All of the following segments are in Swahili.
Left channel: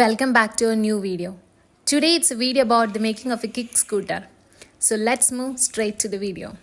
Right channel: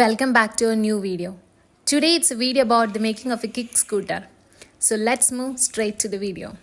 Welcome back to a new video. Today it's a video about the making of a kick scooter. So let's move straight to the video.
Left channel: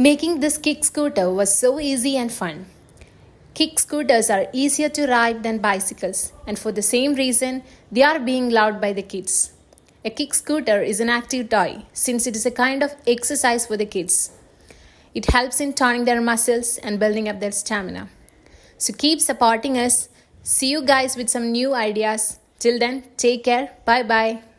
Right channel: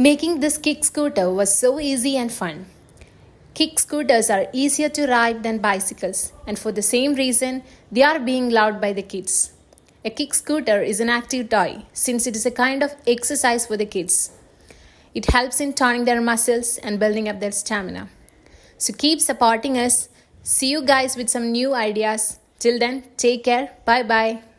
Making this kick scooter was so easy and fun. Kick scooters are easier to ride than bicycles, and for the same reason, they are being loved by the kids. A kick scooter is an active toy since it is a kind of exercise for the kids. It helps in toning their muscles and building up their stamina. So keep supporting us. See you guys with some new ideas. Till then, take care. Bye bye.